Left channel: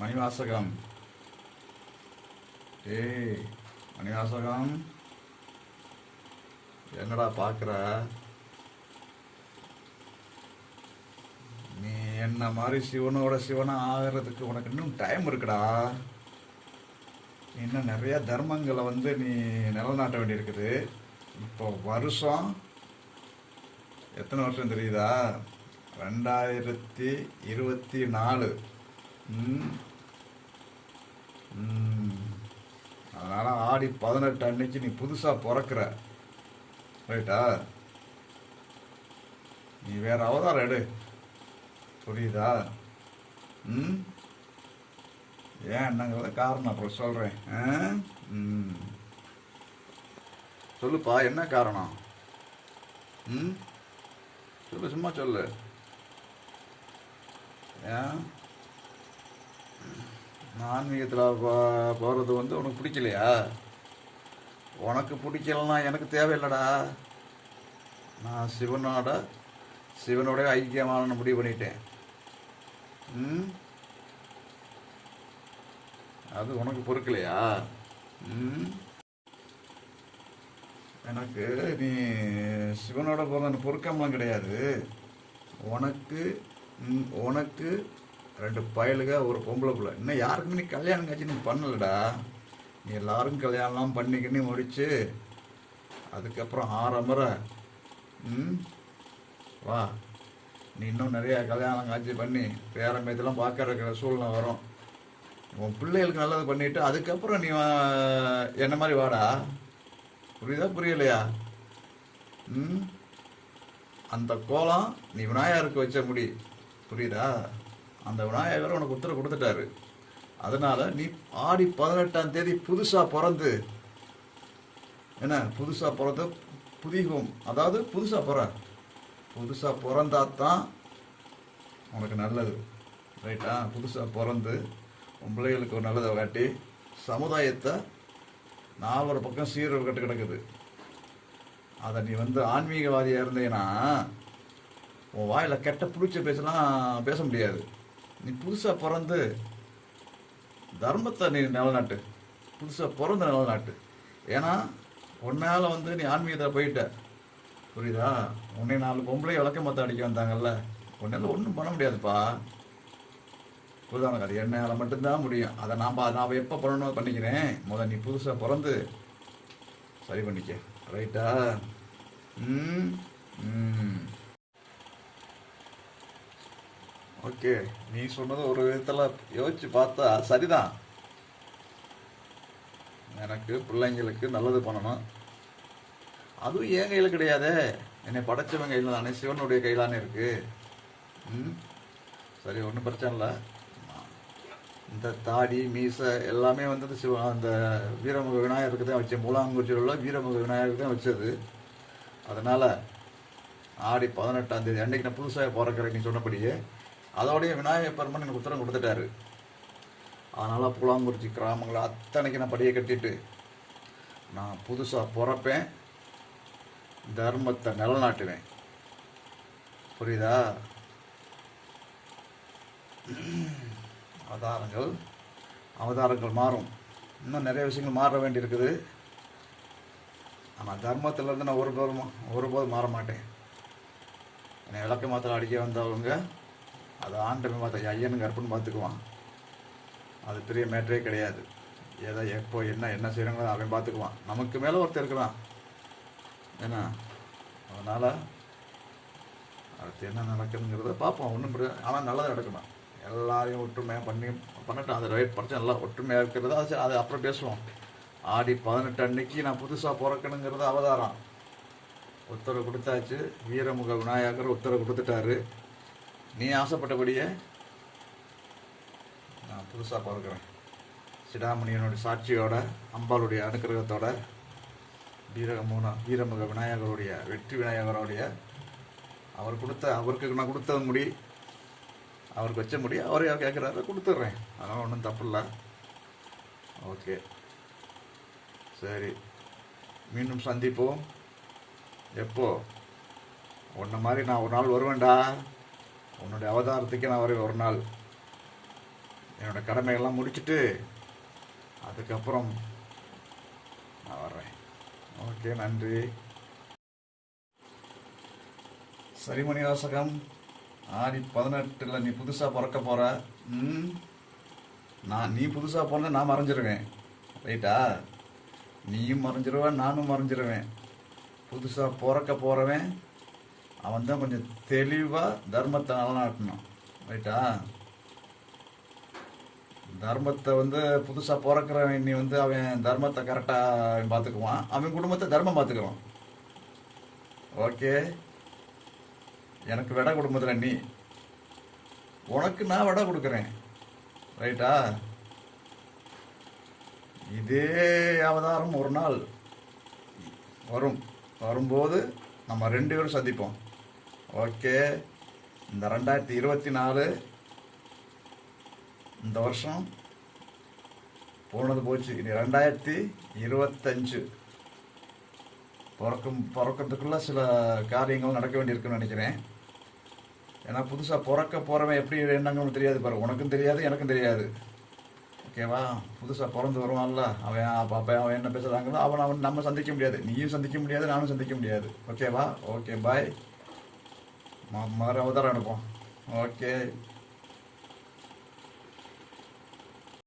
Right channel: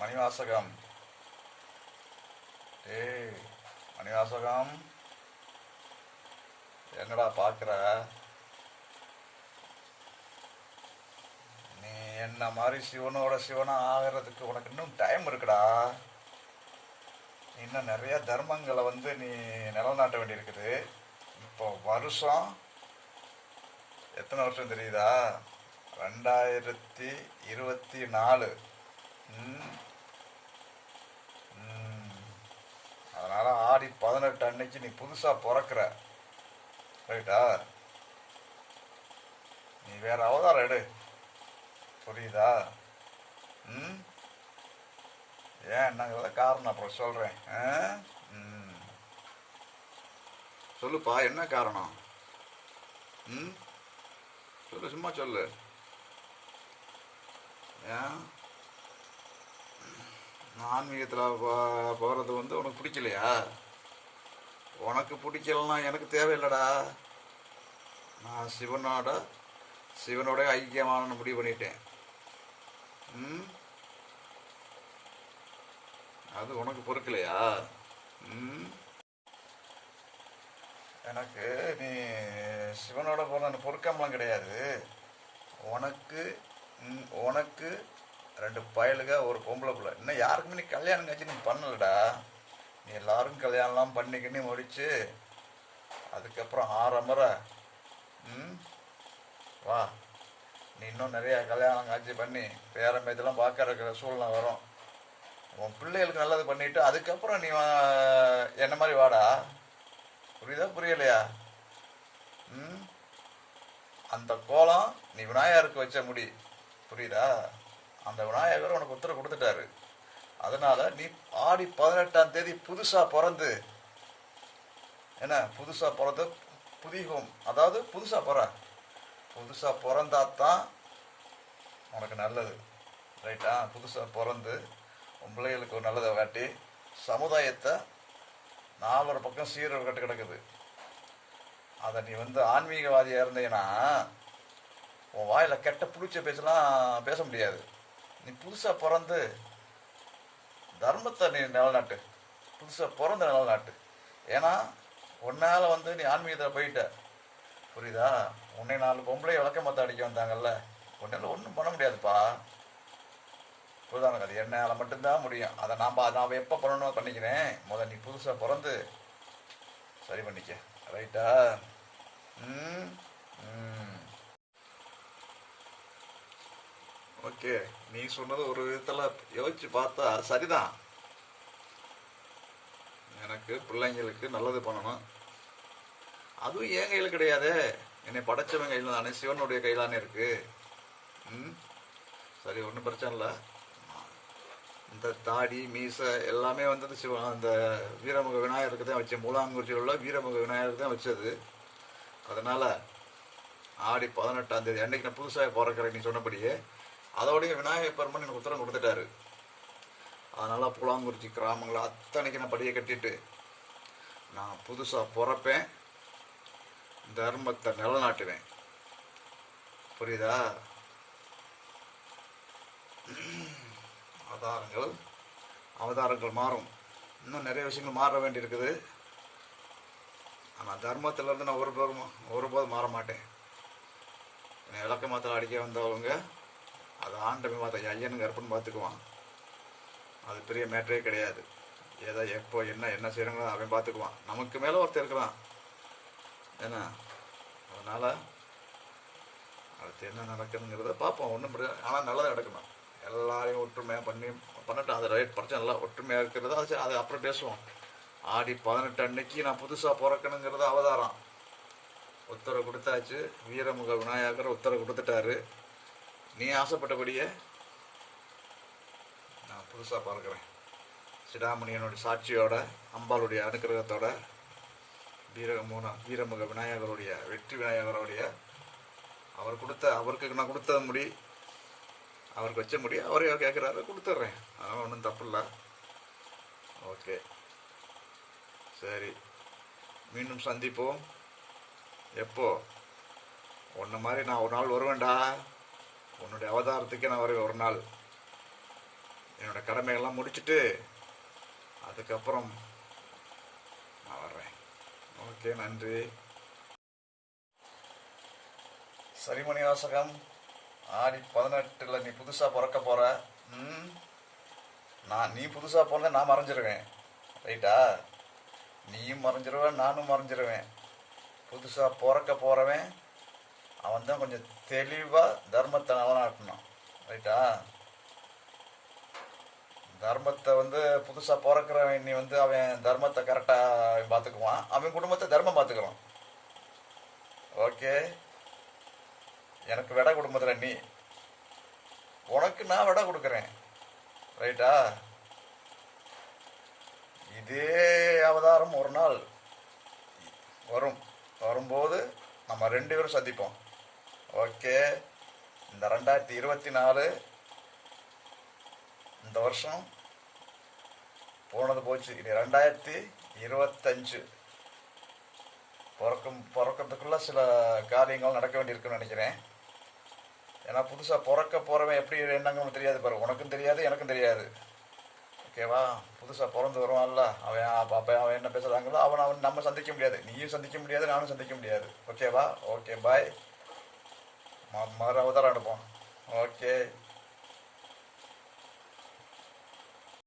மணிவாசகம். டே மணிவாசகம். என்னடா பார்க்குற நீ என்ன மாதிரி சிவனோட சிவனா ஆகிறதுக்கு உனக்கு இன்னும் டைம் இருக்குடா. இன்னும் நிறைய தர்மங்களை வந்து நீ நிலநாட்ட வேண்டியிருக்குது. இப்போ வருஷம் எத்தனை வருஷம் தெரியுதா? ரெண்டாயிரத்தி இருபத்தி நாலு. ம். அதனால ஆடி பதினெட்டு அன்னைக்கு நீ புதுசா பிறக்கிற. ரைட்டா? நீ வேற அவதாரம் எடு. புரியுதா? ம்? ஏன் என்னங்கிறத காரணம் அப்புறம் சொல்றேன். ஆ? ம். சொல்லுப்பா என்ன காரணம்? ம்? சொல்லு சும்மா சொல்லு. ஏன்? ஆன்மீகத்தில் போகிறது வந்து உனக்கு பிடிக்கலையா? உனக்கு பிடிக்கலன்னா எனக்கு தேவையில்லடா. நான் சிவனோட சிவனோட ஐக்கியமான முடிவு பண்ணிட்டேன். ம்? அது உனக்கு பொறுக்கலையா? ம்? எனக்கு நீ சிவனோட போகிறது பொறுக்கம்லாம் கிடையாது. உனக்கு உனக்கு ரெண்டு பயலுக ஒரு பொம்பளை பிள்ளை. இன்னும் யாருக்குமே நீ கல்யாணம் காட்சி நீ பண்ணலடா? நீ எல்லாரும் கல்யாணம்லாம் பண்ணிக்கின்னு முடிச்சு அதுக்கப்புறம் ஆரம்பரை ம்? வா. நீ இன்னும் நிறையா கல்யாணம் காட்சி பண்ணி பேரம் இதெல்லாம் பார்க்கற சூழ்நிலை வரும். உன் பிள்ளைகளுக்கு நல்லது பண்ணிட்டு அதுக்கப்புறம் நீ வா- என்ன மாதிரி வாடா? புரியுதா புரியலையா? ம்? அந்த கோலம் நீ விநாயகருக்கு வச்ச முடி. புரியுதா? அந்த விநாயகர் உனக்கு உத்தரவு கொடுத்துட்டாரு. அதனால நீ ஆடி பதினெட்டாம் தேதி புதுசா பிறந்து என்ன புதுசா பிறந்து புதிகம். அதாவது புதுசா பிற. புதுசா பிறந்தா தான் உனக்கு நல்லது. ரைட்டா புதுசா பிறந்து உன் பிள்ளைகளுக்கு ஒரு நல்லதை காட்டி சமுதாயத்தை நாலொரு பக்கம் சீரர் கட்டு கிடக்குது. அதை நீ வந்து ஆன்மீகவாதியாக இருந்தீங்கன்னா உன் வாயில் கெட்ட பிடிச்ச பேசலாம் பேச முடியாது. நீ புதுசாக பிறந்து தர்மத்தை நீ நிலநாட்டு. புதுசாக பிறந்த நிலநாட்டு. ஏன்னா உன்னால் வந்து நீ ஆன்மீகத்தில் போயிட்ட. புரியுதா? உன்னை நாலு பொம்பளை விளக்க மத்த அடிக்க வந்தாங்கல்ல. உன்னால ஒன்றும் பண்ண முடியாதுப்பா. புரியுதா உனக்கு? அது என்னால் மட்டும்தான் முடியும். அதை நாம் பா- நான் எப்போ பண்ணணும் பண்ணிக்கிறேன். முத நீ புதுசாக பிறந்து சரி பண்ணிக்க. ரைட்டா ம் ம். ஓகே நீ சொன்னது ஒரு விதத்தில் யோசிச்சு பார்த்தா சரிதான். எனக்கு பிள்ளைங்களுக்கு நல்லது பண்ணணும். அதுவும் என் கையில் கிடையாதே. என்னை படைச்சவன் கையில் தானே சிவனுடைய கையிலானே இருக்கு. ம்? சரி ஒன்றும் பிரச்சனை இல்லை. இந்த தாடி மீசை எல்லாமே வந்து சிவ அந்த வீரமுக விநாயகருக்கு தான் வச்சேன் மூலாங்குறிச்சியில் உள்ள வீரமுக விநாயகருக்கு தான் வச்சது. அதனால் ஆடி பதினெட்டாம் தேதி அன்னைக்கு நான் புதுசாக பிறக்கிறேன் நீ சொன்னபடியே. அதோடைய விநாயகர் பெருமன் எனக்கு உத்தரவு கொடுத்துட்டாரு. அதனால் புலாங்குறிச்சி கிராமங்களை அத்தனைக்கு நான் படியை கட்டிட்டு நான் புதுசாக பிறப்பேன் தர்மத்தை நிலநாட்டுவேன். புரியுதா? அவதாரங்கள் அவதாரங்கள் மாறும். இன்னும் நிறைய விஷயங்கள் மாற வேண்டியிருக்குது. ஆனால் தர்மத்திலேருந்து நான் ஒருபோதும் ஒருபோதும் மாற மாட்டேன். என்னை விளக்க மாத்திரம் அடிக்க வந்தவங்க அதை ஆண்டமே பார்த்தா ஐயனுக்கு அர்ப்பணம் பார்த்துக்குவான். அது பெரிய மேட்டரே கிடையாது. ஏதோ எப்போ என்ன என்ன செய்கிறாங்களோ அவன் பார்த்துக்குவான். நமக்கு மேலே ஒருத்தர் இருக்கிறான். ஏன்னா அதனால் அடுத்து என்ன நடக்குதுங்கிறத பார்ப்போம். ஒன்றும் ஆனால் நல்லதாக நடக்கணும் எல்லாரையும் ஒற்றுமையாக பண்ணி பண்ணட்டும். அதை ரைட் பிரச்சனை. இல்லை ஒற்றுமையாக இருக்கிறது அது சரி, அது அப்புறம் பேசுவோம். ஆடி பதினெட்டு அன்னைக்கு நான் புதுசாக பிறக்கணுங்கிறது அவதாரம். உத்தரவு கொடுத்தாச்சு. வீரமுக விநாயகர் உத்தரவு கொடுத்துட்டாரு. நீ ஆசைப்பட்டபடியே நான் புதுசாக பார்க்குறேன். சிடாமணியனுடைய சாட்சியோட அம்பாளுடைய அனுக்கிரகத்தோட வீரமுன வீரமுக விநாயகருடைய வெற்றி விநாயகருடைய அவர் கொடுத்த அவருக்கு நான் கொடுத்த முடி அவருக்கு வச்ச முடி அவரே கேட்குறாரு கொடுத்துட்றேன். அதனால் ஒன்றும் தப்பு இல்லை ஓகே. சரி. மீண்டும் சந்திப்போம். எப்போ? உன்ன மாதிரி நான் ஒரு நாள் வருவேன்டா. உன்னுடைய அவதாரத்துக்கே நான் வரேன் ஒரு நாள். என்னோட கடமைகள்லாம் முடிச்சுட்டு அதுக்கப்புறம் நான் வர்றேன். ஓகே நன்றி. சரிமணி வாசகம் ஆடி பதினெட்டில் நீ புதுசாக பிறக்க போகிற ம்? நான் நீ புதுசாக பிறந்த நான் மறைஞ்சிருவேன். ரைட்டா? நீயும் மறைஞ்சிருவேன் நானும் மறைஞ்சிருவேன். புதுசாக பிறக்க போகிறவன் அவன் தான் கொஞ்சம் தெளிவாக தர்மத்தை நிலநாட்டணும் ரைட்டா தர்மத்தை வந்து புதுசாக பிறக்கிறவன் நீ வந்து அவன் தர்மத்தை கரெக்டாக அவன் பார்த்துக்குவான் அவன் குடும்பத்தை தர்மம் பார்த்துக்குவான் ஓகே எனக்கு விட குடும்பத்தில் நீ. உனக்கு நான் விட கொடுக்குறேன். ரைட்டா இதே அவதாரம் ஒரு நாள் வரும். வரும்போது நம்ம ரெண்டு பேரும் சந்திப்போம். ஓகே. இந்த ரெண்டாயிரத்தி இருபத்தி நாலு இந்த வருஷம் போனது போச்சு. இனி ரெண்டாயிரத்தி இருபத்தஞ்சு பிறக்கும் பிறக்கிறதுக்குள்ள சில காரியங்கள் நடக்க வேண்டியிருக்குன்னு நினைக்கிறேன். ஏன்னா புதுசாக பிறக்க போகிறவன் எப்படி என்னங்கன்னு தெரியாது பாரு. உனக்கும் தெரியாது எனக்கும் தெரியாது. ஓகேவா? புதுசாக பிறந்து வருவான்ல. அவன் அப்போ அப்போ அவன் என்ன பேசுகிறாங்களோ அவன் அவன் நம்ம சந்திக்க முடியாது. நீயும் சந்திக்க முடியாது நானும் சந்திக்க முடியாது. ஓகேவா? Okay bye. மறு அவதாரம் அனுப்போம் ஓகே